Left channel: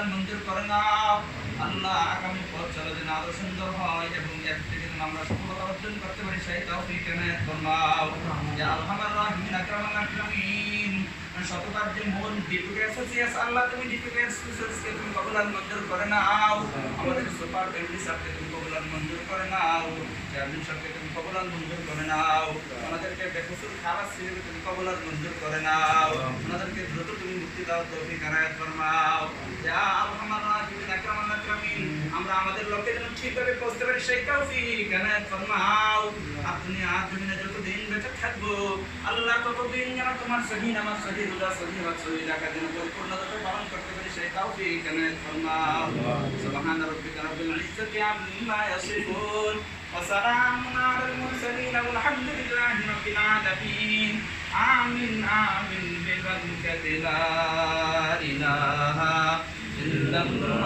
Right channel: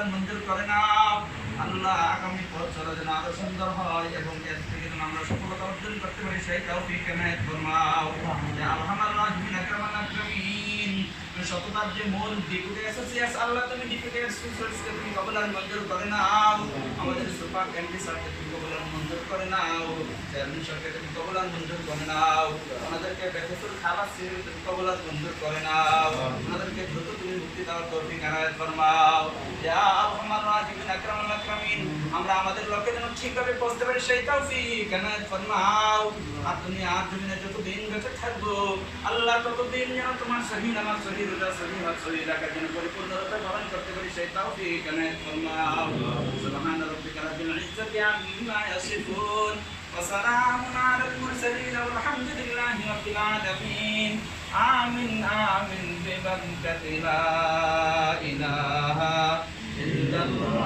কবুল মঞ্জুর করে নাও। আল্লাহ আগামী পথ চলা যেন আরো সুন্দর হয় এবং এর থেকে যেন আমরা সফলতা অর্জন করতে পারি সেই তৌফিক এনায়েত ফরমাও। ইয়া আরহামার রাহিমিন আকরামাল আকরামিন। সততার যে মূল ডিপুটি অ্যাসোসিয়েটস, আল্লাহ তুমি ডিপুটি অ্যাসোসিয়েটসকে তুমি কবুল মঞ্জুর করে নাও। আমাদের সুপার ক্যান্ডি স্যারকে তুমি কবুল মঞ্জুর করে নাও। চেয়ারম্যান সাহেবকে তুমি কবুল মঞ্জুর করে নাও। আমাদেরকে বেকসুর খালাস ছিল তুমি কবুল মঞ্জুর করে নাও। আমাদেরকে দ্রুত তুমি মুক্তি দাও তৌফিক এনায়েত ফরমাও। ইয়া আরহামার রাহিমিন আকরামাল আকরামিন। আমরা আমাদের লক্ষ্যে যেন ঠিকভাবে পৌঁছতে পারি সেই তৌফিক এনায়েত ফরমাও। আর দুনিয়ার জমিনে যতদিন বেঁচে থাকবো আল্লাহ ততদিন যেন তোমার সহি নামাজ, সহি রোজা, সহি হজ, সহি জাকাত যেন পরিপূর্ণভাবে পালন করতে পারি সেই তৌফিক এনায়েত ফরমাও। সুবহান রাব্বিকা রাব্বিল ইজ্জাতি আম্মা ইয়াসিফুন ওয়া সালামুন আলাল মুরসালিন ওয়ালহামদুলিল্লাহি রাব্বিল আলামিন। আমিন আমিন বিবারকাতি লা ইলাহা ইল্লাল্লাহ।